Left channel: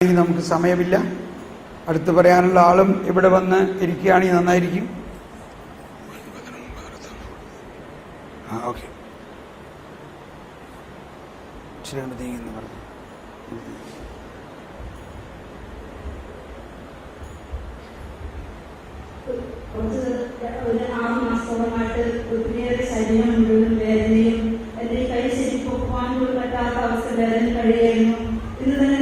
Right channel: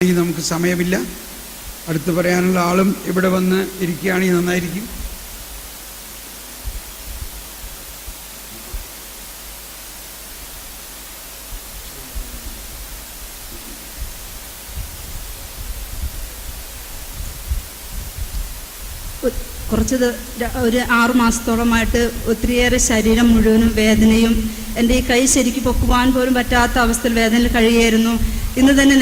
നമുക്ക് സമയമില്ല. അടുത്ത് പറയാനുള്ള ആളും ഇവിടെ വന്ന് ഇരിക്കുകയാണെങ്കിൽ നന്നായിരിക്കും. ഒരു 6 മാസത്തോളമായിട്ട് ഒത്തിരിയേറെ ശരീരം മുഴുവനും വേദനയും, എൻ്റെ ഈ കൈ ശരിക്കും പൊക്കുവാൻ പോലും പറ്റാത്ത അവസ്ഥയിൽ വേദനയിൽ കഴിയായിരുന്നു. ഇന്ന് തന്നെ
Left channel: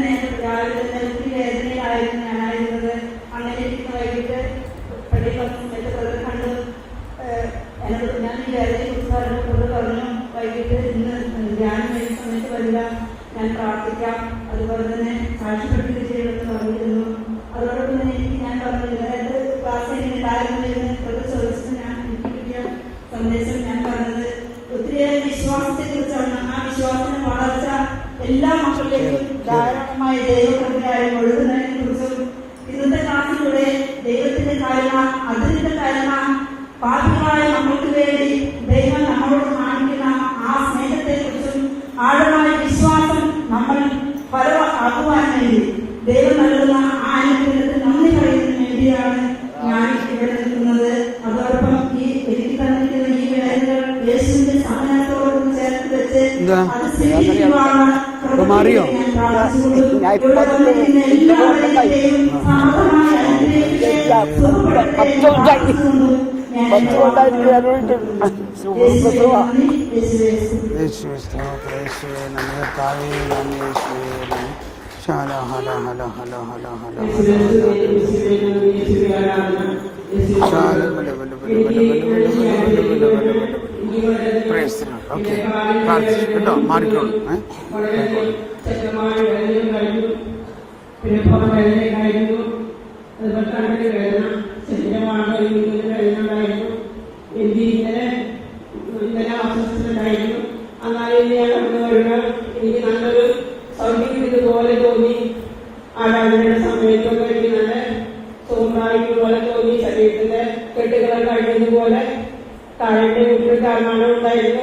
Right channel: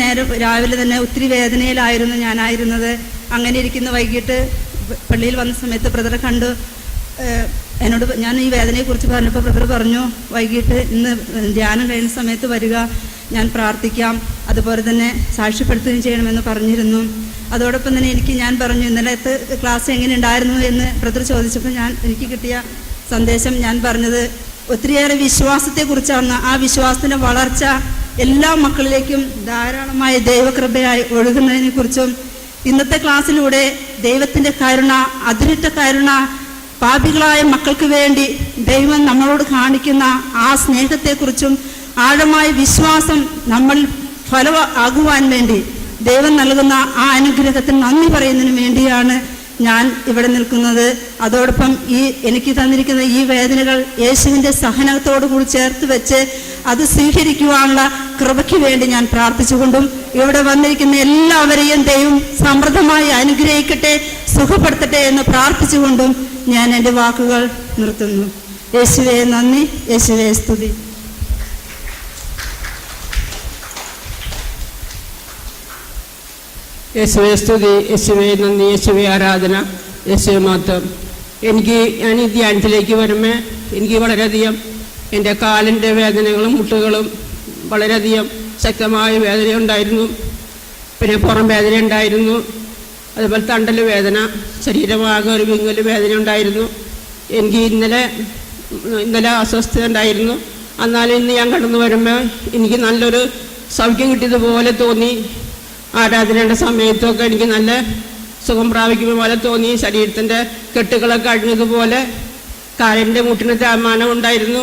രാവിലെ തന്നെ ഒത്തിരി വേദനയിലായിരുന്നു ഞാനായിരുന്നത്. അങ്ങനെ ഇരിക്കുന്ന വൈകിട്ട് പള്ളിയിൽ വന്ന സമയത്ത് ബ്രദറെ കണ്ടു. എന്നോട് ഞാൻ ഈ വേദനയെക്കുറിച്ച് പറഞ്ഞപ്പോൾ ബ്രദർ പറഞ്ഞു, വൈകിട്ട് ഇന്ന് ധ്യാനം കഴിയുന്ന സമയത്ത് വരിക, ഞാൻ പ്രാർത്ഥിക്കാം, അതുപോലെ തന്നെ സാക്ഷ്യപ്പെടുത്തുകയും ചെയ്യണമെന്ന് പറഞ്ഞിരുന്നു. അതോടൊപ്പം തന്നെ ഞാൻ പറഞ്ഞു, ഇന്നലത്തെ ക്ലാസ് എങ്ങനെ ഉണ്ടായിരുന്നു എന്ന് ബ്രദർ ചോദിച്ചപ്പോൾ എനിക്ക് കിട്ടിയ സന്ദേശം ഞാൻ പറഞ്ഞത് ഒത്തിരിയേറെ വിശ്വാസത്തെക്കുറിച്ചാണ്. ആ വിശ്വാസത്തിൻ്റെ വളർച്ച എല്ലാ മക്കളിലേക്കും ധാരാളമായ ദൈവകൃപയായി ഒഴുകുന്നതിനെക്കുറിച്ചും, ഇന്നത്തെ ക്ലാസ്സിലൂടെ ദൈവത്തിൻ്റെ കരുണ, അതിരിട്ട കരുണ, പാപികളായ മക്കൾക്ക് വേണ്ടി ദൈവം നമ്മളോട് കാണിക്കുന്ന ആ സ്നേഹത്തെക്കുറിച്ചും, ആഴമായ വിശ്വാസം നമ്മൾ ഫലമാകുവാൻ വേണ്ടി ദൈവം നൽകുന്ന ആ അനുഗ്രഹത്തിന് നന്ദി പറയുന്നതിന് വേണ്ടിയാണ് ഞാൻ ഇവിടെ നിൽക്കുന്നത്. അതോടൊപ്പം എനിക്ക് തന്നിരിക്കുന്ന ഈ വേദനകൾ യേശുവിൻ്റെ സഹനത്തോടുകൂടി ചേർത്ത് വെച്ച് അത് സ്വീകരിക്കുവാനുള്ള കൃപയ്ക്ക് വേണ്ടി ഞാൻ പ്രാർത്ഥിച്ചുകൊണ്ടും, ഇവിടെ വന്നിരിക്കുന്ന എല്ലാവരെയും ദൈവം സമൃദ്ധമായി അനുഗ്രഹിക്കട്ടെ, സുഖപ്പെടുത്തട്ടെ എന്ന് പ്രാർത്ഥിച്ചുകൊണ്ടും ഞാൻ എൻ്റെ വാക്കുകൾ നിർത്തുന്നു. യേശുവേ നന്ദി, യേശുവേ സ്തുതി. യേശുവേ സ്തുതി, യേശുവേ നന്ദി, യേശുവേ ആരാധന, യേശുവേ മാത്രം. ഞാൻ ഈ ധ്യാനത്തിലേക്ക് വരുമ്പോൾ എനിക്ക് വളരെയധികം എൻ്റെ കാലിൻ്റെ വേദനകളും മുട്ടുകളും വളരെയധികം ശക്തമായ വേദന ഉണ്ടായിരുന്നു. പിന്നെ പുറം വേദന ഉണ്ടായിരുന്നു, അതുപോലെ തണ്ടൽ വേദന, ശരീരമാകെ ഒരു വിങ്ങൽ വേദന ഉണ്ടായിരുന്നു. എനിക്ക് ഇന്നലെ അസ്വസ്ഥത ഉണ്ടായിരുന്നു. എന്നാലും ഇന്ന് ഞാൻ കടന്നു വരുമ്പോൾ എനിക്ക് നല്ലൊരു സൗഖ്യം കിട്ടിയതുപോലെ തോന്നി. ആരാധനയുടെ സമയത്തൊക്കെ എനിക്ക് നല്ല സുഖം പ്രാപിക്കുന്ന പോലെ തോന്നി. ശരീരത്തിൻ്റെ കെട്ടുകളൊക്കെ അഴിഞ്ഞതുപോലെ. കാലിൻ്റെ മുട്ടിന് തേയ്മാനം ഉണ്ടായിരുന്നു,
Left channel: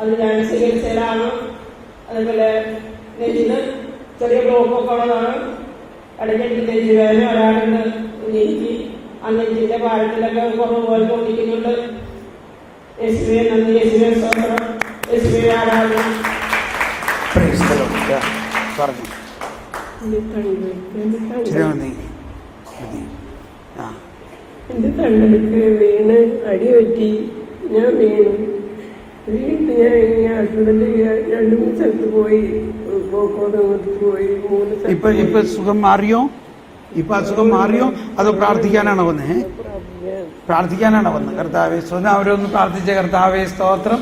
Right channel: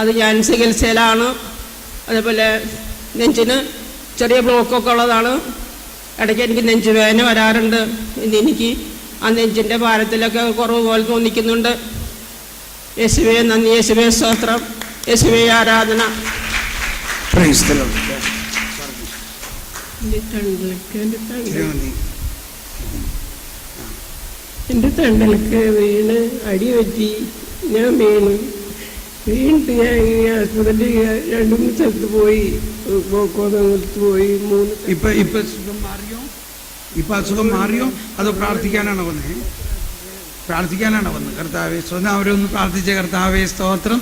അത് ഞാൻ ചികിത്സയിലാണ്. അതേപോലെ നെഞ്ചിന് ചെറിയ ബ്ലോക്കൊക്കെ ഉള്ളതാണ്. ഇടയ്ക്ക് എനിക്ക് നെഞ്ചുവേദന വരാറുണ്ട്. ഇനി എനിക്ക് ആ നെഞ്ചിൻ്റെ ഭാരത്തിലൊക്കെ കുറവ് പോലെ തോന്നിക്കുന്നുണ്ട്. യേശുവേ നന്ദി, യേശുവേ സ്തോത്രം, യേശുവേ ആരാധന. എൻ്റെ തണ്ടലൊക്കെ വീണ് അടിപറ്റി. ഞാൻ വീണിട്ട് ഞാൻ ആശുപത്രി 2-3 സ്ഥലത്ത് പോയി, ഇപ്പൊ സുഖം മാറിയോ? ഇപ്പൊ അസുഖം മാറിയോ? അതോ പ്രാർത്ഥിക്കാനാണോ വന്നേ? പ്രാർത്ഥിക്കാനാണോ വന്നത്? കർത്താവേ സ്വന്തം അവരൊന്ന് പ്രാർത്ഥിച്ച. കർത്താവേ സ്തോത്രം,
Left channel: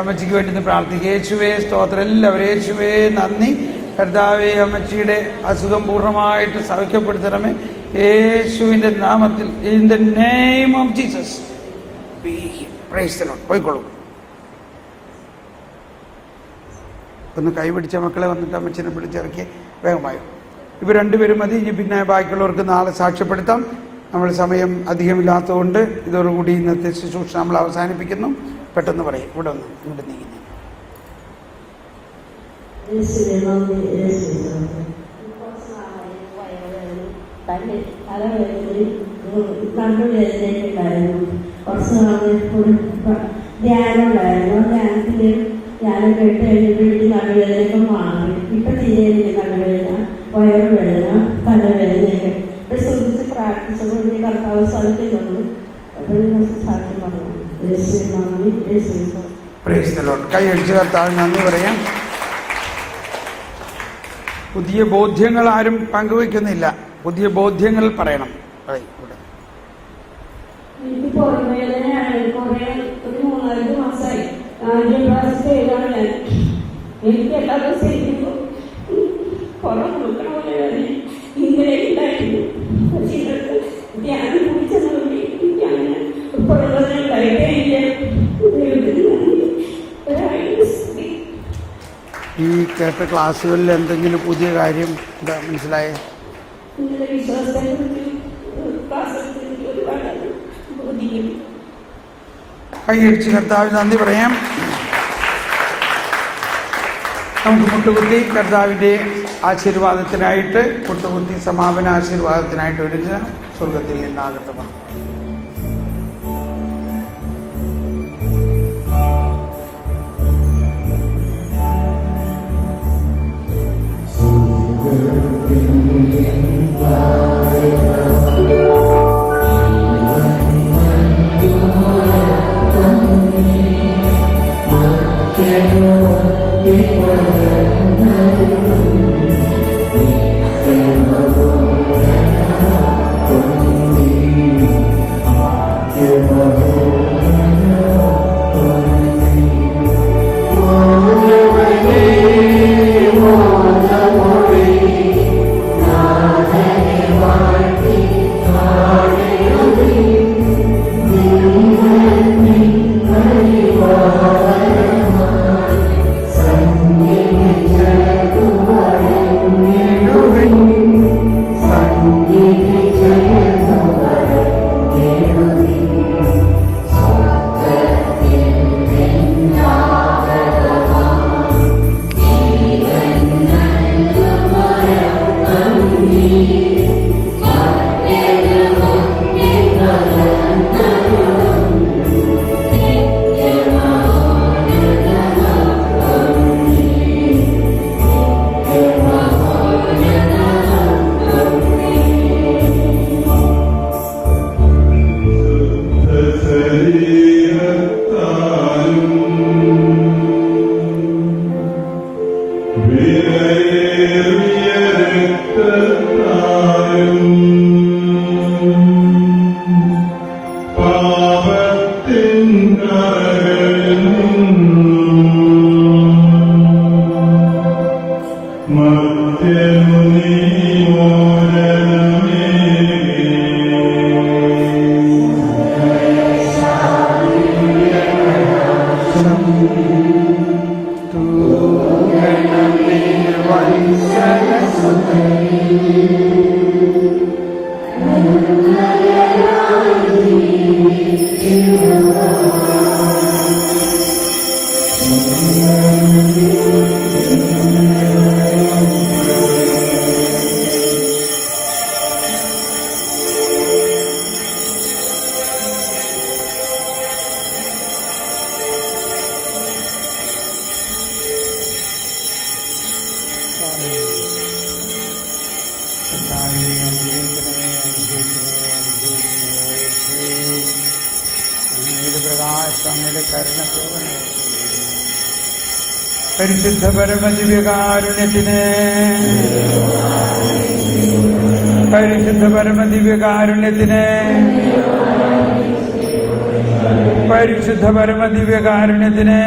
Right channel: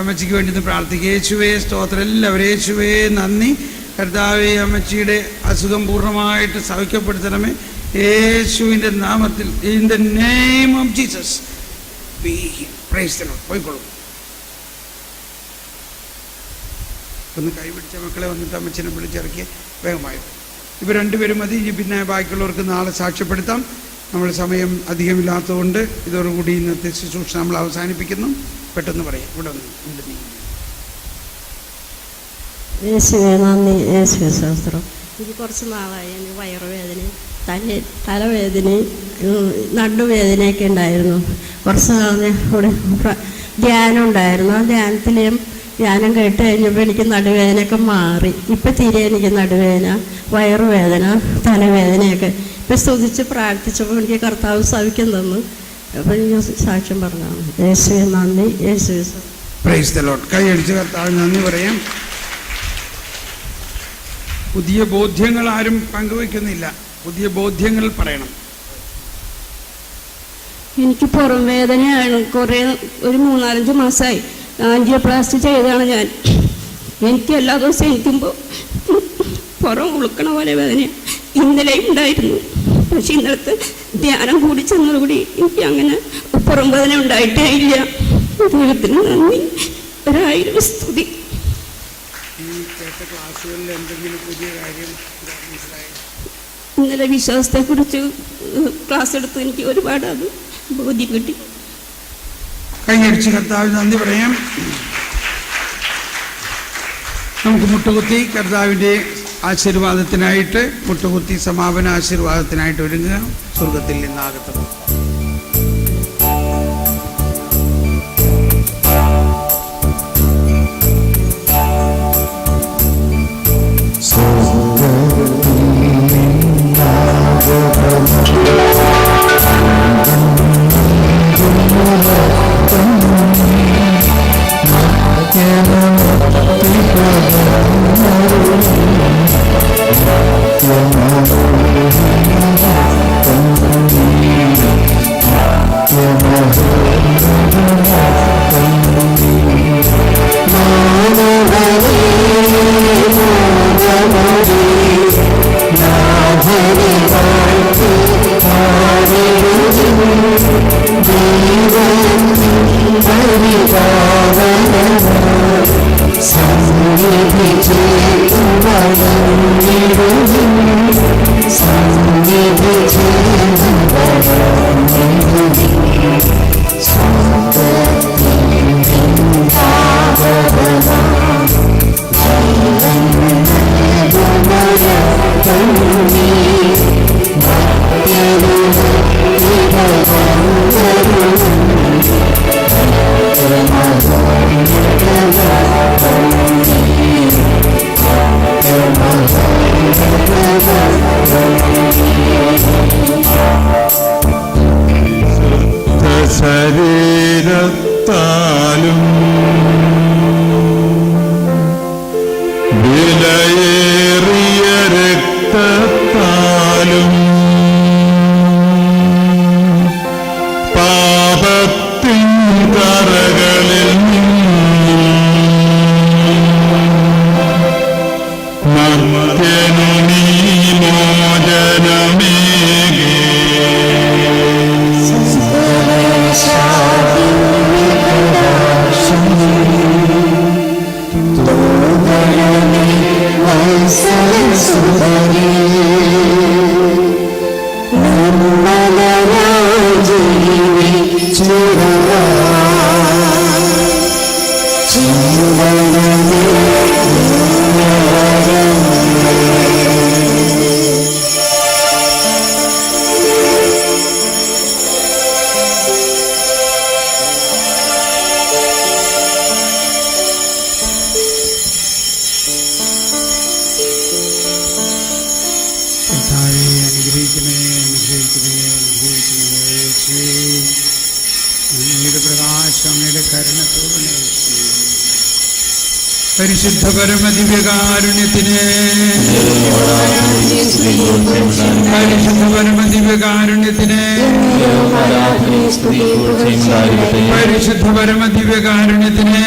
അമ്മച്ചിക്ക് വേണ്ടി ഒന്ന് പ്രാർത്ഥിക്കുക. യേശുവേ സ്തോത്രം. എല്ലാവരും യേശുവേ നന്ദി. കർത്താവേ അമ്മച്ചിയുടെ അസുഖം പൂർണ്ണമായിട്ട് സൗഖ്യപ്പെടുത്തണമേ യേശുവിൻ്റെ നാമത്തിൽ. In the name of Jesus praise the Lord. പോയിക്കോളൂ. ഒന്ന് കൈപിടിച്ച മക്കളെ വന്നിട്ട് അമ്മച്ചിനെ പിടിച്ചിറക്കി വേഗമായി. ഇവർ രണ്ടുപേരും മതി. ഇനി പിന്നെ ബാക്കിയുള്ളവർക്ക് നാളെ സാക്ഷ്യപ്പെടുത്താം. നമ്മൾ സമയം അധികമില്ലാത്തതുകൊണ്ട് ഇതോടുകൂടി ഇന്നത്തെ ശുശ്രൂഷ നമ്മൾ അവസാനിപ്പിക്കുന്നു. പെട്ടെന്ന് പറയാം. ഇവിടെ ഒന്ന് ഇങ്ങോട്ട് നീങ്ങി. യേശുവേ നന്ദി, യേശുവേ സ്തോത്രം. കുറച്ച് നാളായി വയറുവേദനയും തലവേദനയും നടുവേദനയൊക്കെ ഉണ്ടായിരുന്നു. കുറച്ച് നാളെ കൂടെ ധ്യാനം ഉണ്ടായിരുന്നു. ആ ധ്യാനം കേട്ട് കഴിഞ്ഞപ്പോൾ എനിക്ക് നടുവേദനയൊക്കെ മാറി. ഇപ്പം തിരികെ എനിക്ക് നടുവേദന, വയറുവേദന, തലവേദനയൊക്കെ ഇപ്പം സ്തുതിച്ച് പ്രാർത്ഥിച്ചപ്പോൾ എനിക്ക് കർത്താവ് സൗഖ്യം തന്നു. അപ്പം ഞാൻ സാക്ഷ്യം പറഞ്ഞു. യേശുവേ നന്ദി, യേശുവേ പ്രൈസ് ദി ലോർഡ്. കൈയടിച്ച് കർത്താവ് നന്ദി പറയാം. പുതിയ ബോധ്യങ്ങൾ ആരും പങ്കുവയ്ക്കുന്നില്ല. പുതിയ ബോധ്യങ്ങൾ പറയണം. എനിക്ക് പുറം വേദനയാണ്. ഒരു 3-4 മാസമായി ആൻജിയോപ്ലാസ്റ്റി ചെയ്തതാണ് ഞാൻ. എനിക്ക് എല്ലാ ദിവസവും ഇരിക്കുമ്പോൾ പുറം ഉളുക്കണ പോലെ വേദന ഇന്നലെ ഉണ്ടായിരുന്നു. പക്ഷെ ഇന്നലത്തെ ധ്യാനം കൂടി ചെന്നതോടുകൂടി എനിക്ക് അങ്ങനെ പുറം വേദന ഉണ്ടായിട്ടേ ഇല്ല. ദൈവത്തിന് നന്ദി, 1000 സ്തുതി. ഈ കേട്ട ക്ലാസ്സുകളിൽ എന്തെങ്കിലും പുതിയ കാര്യം മനസ്സിലായോ? ഇന്നലെ വിശ്വാസത്തെക്കുറിച്ച് ക്ലാസ് എടുത്ത് എനിക്ക് ഒരുപാട് ബോധ്യം കിട്ടി. അതിനടിച്ച് കർത്താവ് നന്ദി പറയാം. നമുക്ക് മുട്ടുകുത്തി കർത്താവിൻ്റെ ആശീർവാദത്തിനായിട്ട് മുട്ടുകുത്തി സമാപന ആശീർവാദത്തിനായിട്ട് ഒരുങ്ങുക. സ്വർഗത്തിൽ നിന്നാകട്ടെ. പരിശുദ്ധ പരമദിവ്യകാരുണ്യത്തിന് പരിശുദ്ധ പരമദിവ്യകാരുണ്യത്തിന് പരിശുദ്ധ പരമദിവ്യകാരുണ്യത്തിന്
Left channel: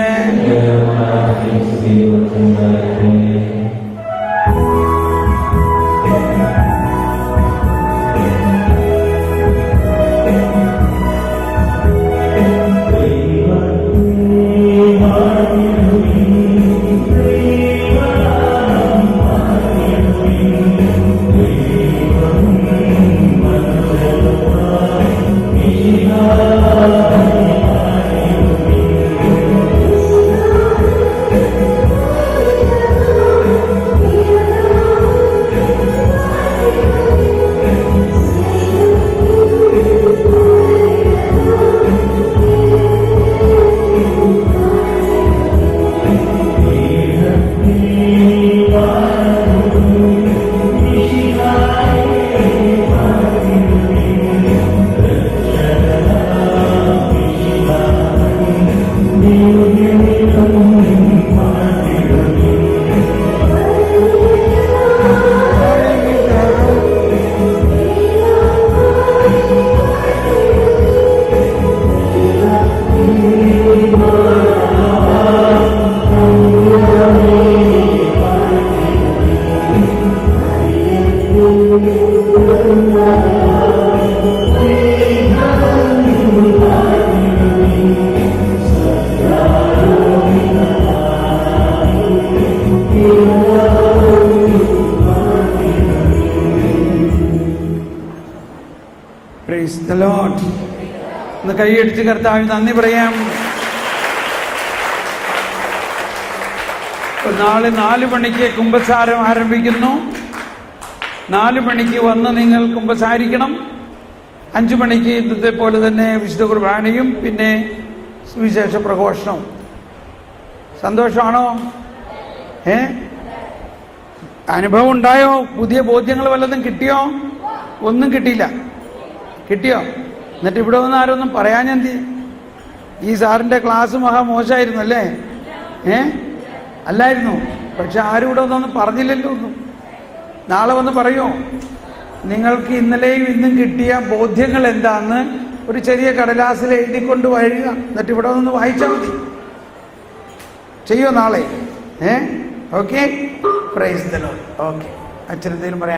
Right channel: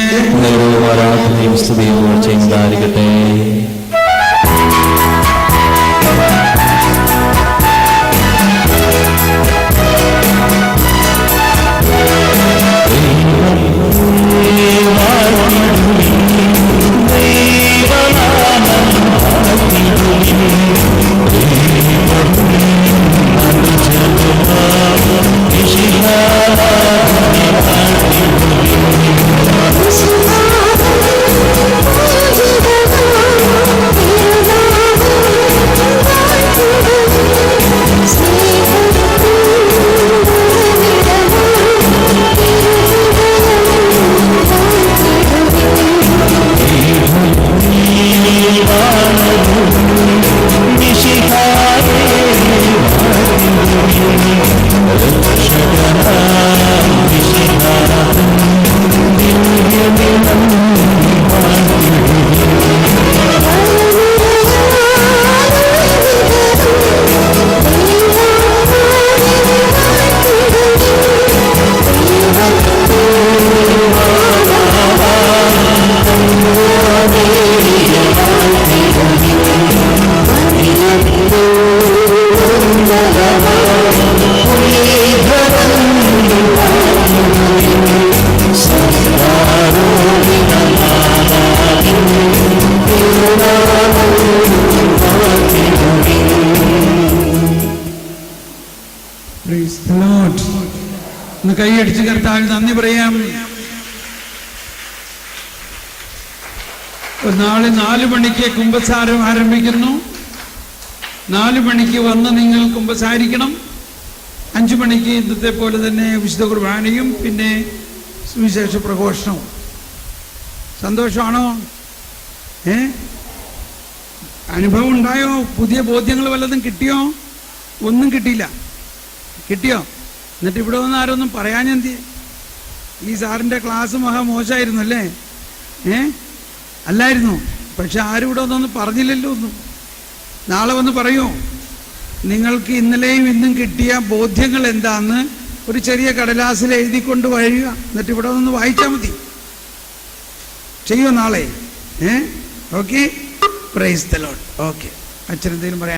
Praise the Lord. ഒന്ന് കൈയടിച്ച് കർത്താവിന് നന്ദി പറയാം. നാളെ 4 മണിക്ക് കുമ്പസാരം ആരംഭിക്കുന്നു. 4 മണിക്ക് വന്ന് നിങ്ങൾ കുമ്പസാരിക്കണം. 5 മണിക്ക് ഇന്നത്തെ പോലെ തന്നെ വിശുദ്ധ കുർബാനയും പിന്നെ സുവിശേഷ പ്രഘോഷണവും. സന്തോഷമാണോ? അനുഭവം ഉണ്ടായോ? പുതിയ ബോധ്യങ്ങൾ വല്ലതും കിട്ടിയോ? ഒന്നും കിട്ടിയില്ല. കിട്ടിയോ? എന്നിട്ട് ഇവിടെ വന്ന് ആരൊന്നും പറയാനെന്ത്? ഈ സാറിൻ്റെ ക്ലാസ് മോശമായിരുന്നു അല്ലേ? അല്ലായിരുന്നു. പക്ഷെ ആരും ഇവിടെ ഒന്നും പറഞ്ഞില്ലല്ലോ. ഒന്നും നാളെ വന്ന് പറയോ? നിങ്ങൾക്ക് ഇന്നലെയും ഇന്നും കിട്ടിയ ബോധ്യങ്ങൾ എന്താന്ന് ഒരു ചെറിയ കടലാസിൽ എഴുതിക്കൊണ്ട് വരിക. എന്നിട്ട് ഇവിടെ ഒന്ന് വായിച്ചാൽ മതി. ചെയ്യോ നാളെ? Okay. Praise the Lord. Okay. അച്ഛൻ എന്തെങ്കിലും പറയാം?